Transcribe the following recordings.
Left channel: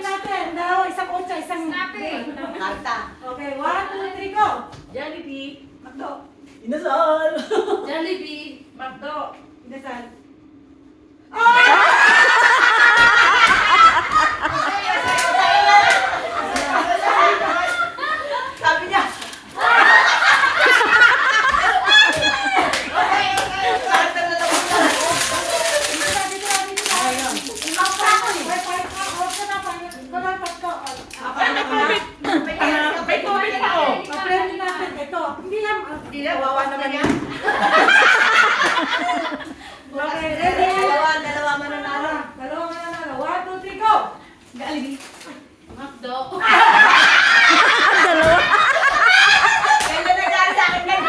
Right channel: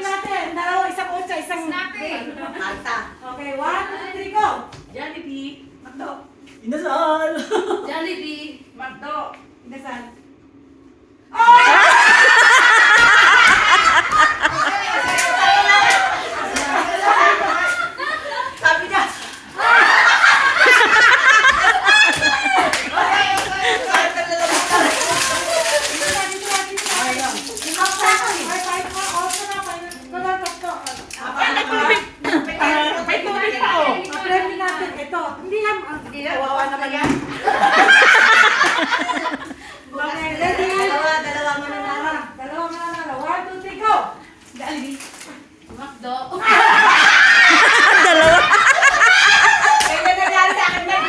Alamin natin. Dalawa, isang otsa, isang... Malta. Okay, 1, 2, 3, go! Jollibee. Makdo. Inasal! Jollibee. Makdo. Inasal. Sabi niya. May tubig pa oh. Apremi natin. Ito. Hindi yan. Hindi na, wawa naman yan. Okay, ready? Dalawa mananalo. Dalawa nga na. 1, 2, 3, go! Makdo. Dalawa. Kaya nangyari sa akin yan.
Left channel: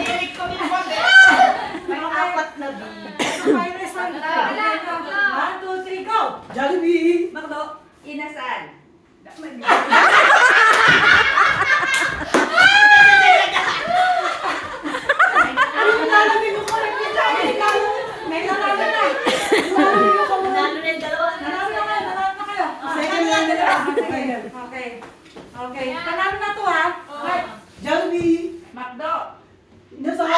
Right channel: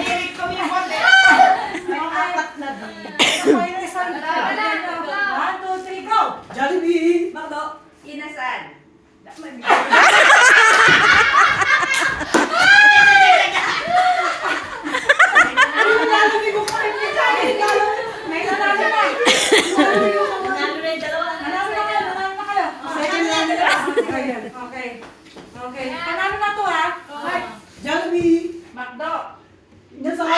Hilig ko yung bote. May apat na di. Okay, isang. 1, 2, 3, go! Jollibee! Makdo. Inasal. May nanalo na. Nanalo na yung dalawa. Nanalo na kayo. Nanalo na kayo. Second round na lang. Okay. Okay. Panalo na to ha. Okay. Jollibee! Makdo. Inasal!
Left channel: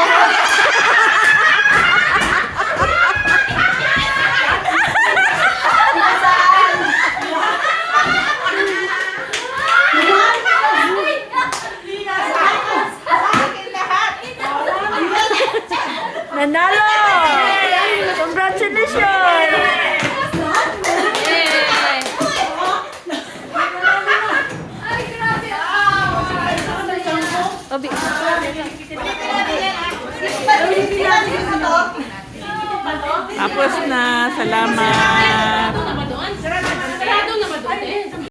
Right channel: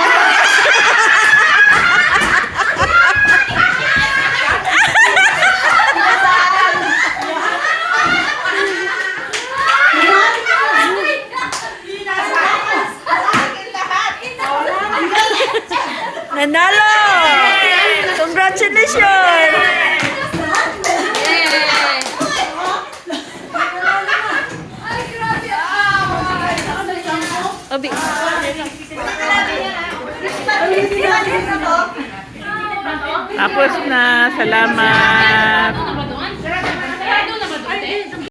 Nanalo! Congratulations! Ay, grabe. Obi. Tapos na. Salamat. Sarado naman doon. Sarado naman doon.